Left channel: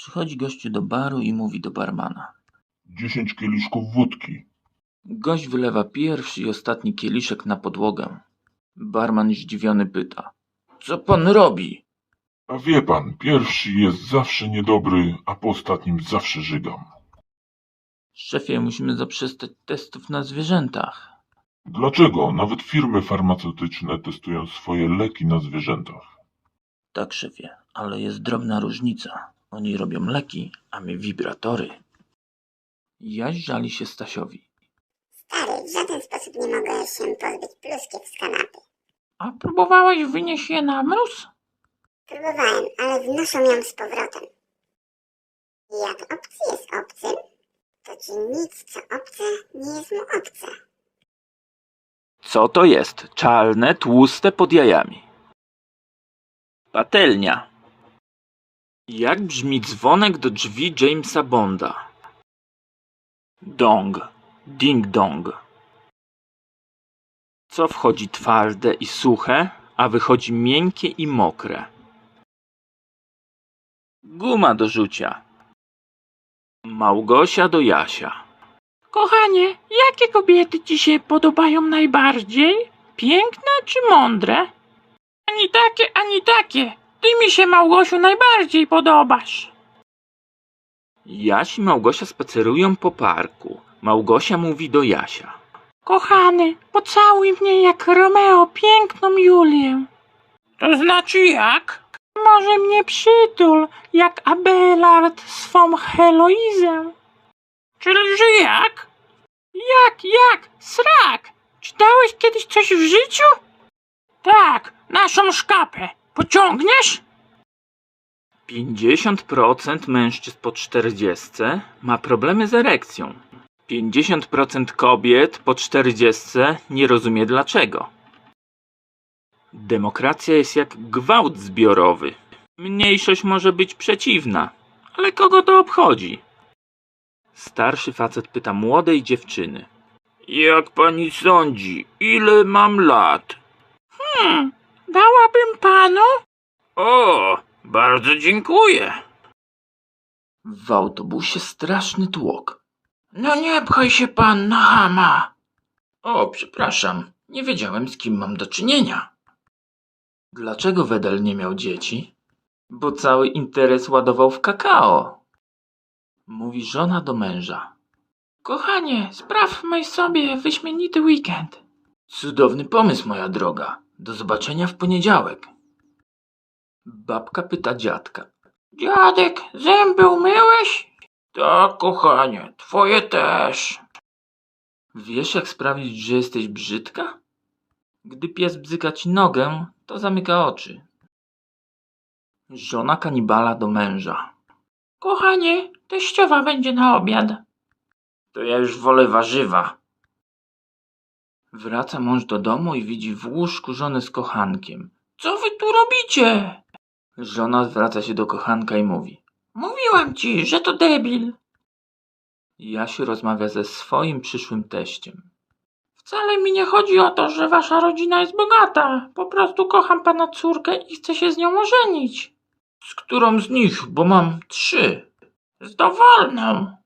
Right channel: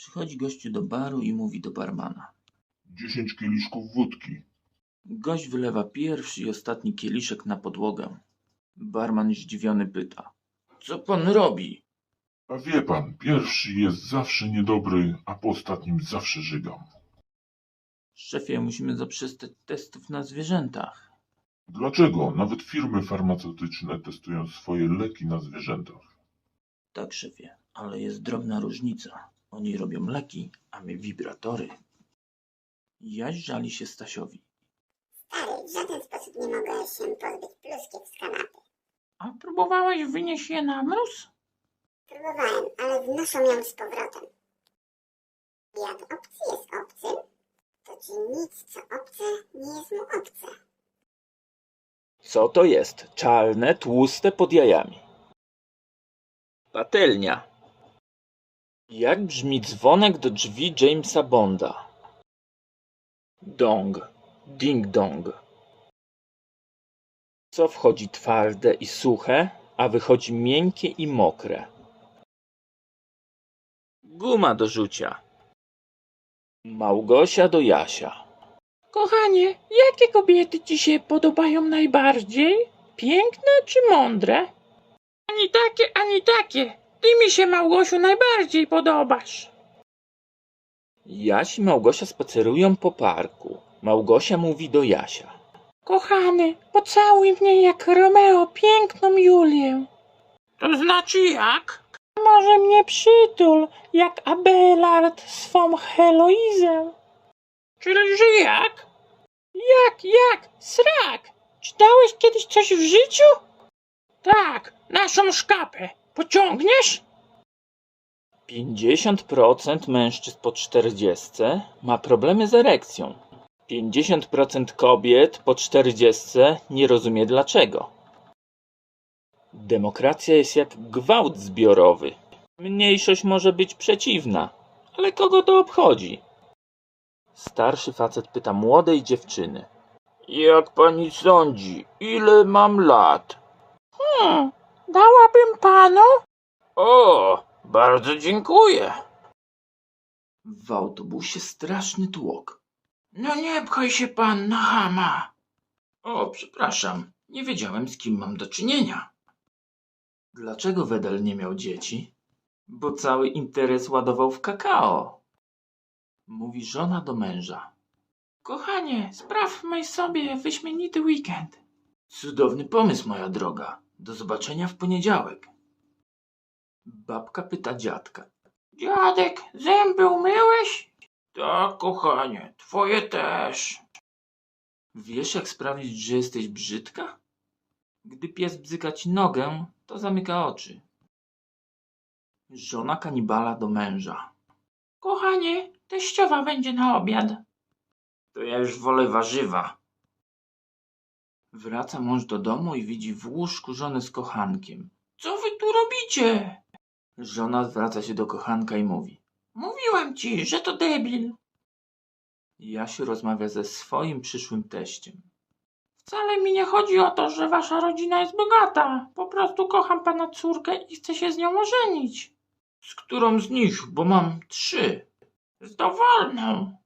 Przychodzi gościu do baru i mówi do barmana. Dziesięć kieliszków wódki. Gość wylewa pierwszy i ostatni kieliszek na podłogę. Barman zdziwiony pyta. Co pan robi? A wie pan, pierwszy jest zawsze niedobry, a po ostatnim zawsze żygam. Szefie, musimy zaprzestać testów na zwierzętach. Dlaczego? Nawet firmy farmaceutyczne testują swoje leki na zwierzętach. Tak, szefie, ale jest drobna różnica. Oni robią leki, a my wibratory. Jaś żali się Stasiowi. Stary, w żaden sposób nie mogę się pozbyć pluskiew z kanapy. A próbowałeś wynieść je na mróz? Próbowałem, ale wnoszą ją z powrotem. Jak obcy jest obcym, to ci nic, co obce, nie jest mu obce. Co to jest? Czarne, tłuste pod jajami. Patelnia. Jak brzmi dzwonek do drzwi Jamesa Bonda? Dong. Ding dong. Co wchodzi twarde i suche, a wychodzi miękkie i mokre? Guma do rzucia. Małgosia do Jasia. Kochanie, jakie kobiety ci się podobają najbardziej? Piękne czy mądre? Ani takie, ani takie. Ty mi się, Małgosiu, najbardziej podobasz. Jaś i Małgosia spacerują po parku. Małgosia mówi do Jasia. Kochany, pocałuj mnie jak Romeo piękną Julię. To znaczy jak? Może mnie przytul, jak Abelard swą Heloizę. Czyli że jak? Jak, jak? Srak! Czytałeś kiedyś coś w życiu? Tak, naszą szkapę. Pociągniesz? 50% mężczyzn po 40 ma problemy z erekcją. 50% kobiet po 40 nie rozumie dlaczego. Demokracja jest jak gwałt zbiorowy. Mniejszość może być przeciwna, ale kogo to obchodzi? Starszy facet pyta młodej dziewczyny. Jak pani sądzi, ile mam lat? Hmm, dałabym panu? O, bardzo dziękuję. W autobusie straszny tłok. No nie pchaj się pan na chama. O, przepraszam, nie wiedziałem z kim mam do czynienia. Dlaczego Wedel nie miał dzieci? Bo cały interes ładował w kakao. Mówi żona do męża. Kochanie, sprawmy sobie wyśmienity weekend. Cudowny pomysł, moja droga. Do zobaczenia w poniedziałek. Babka pyta dziadka. Dziadek, zęby umyłeś? Tak, kochanie, twoje też. Wiesz, jak sprawić, że jesteś brzydka? Gdy pies bzyka ci nogę, to zamyka oczy. Żona kanibala do męża. Kochanie, teściowa będzie na obiad. To ja już wolę warzywa. Wraca mąż do domu i widzi w łóżku żonę z kochankiem. Co wy tu robicie? Żona zwraca się do kochanka i mówi. Mówiłam ci, że to debil. Jasiu rozmawia ze swoim przyszłym teściem. Wcale mi nie chodzi o to, że wasza rodzina jest bogata. Po prostu kocham pana córkę i chcę się z nią ożenić. Z którą z nich, bo mam trzy. Z dowolną.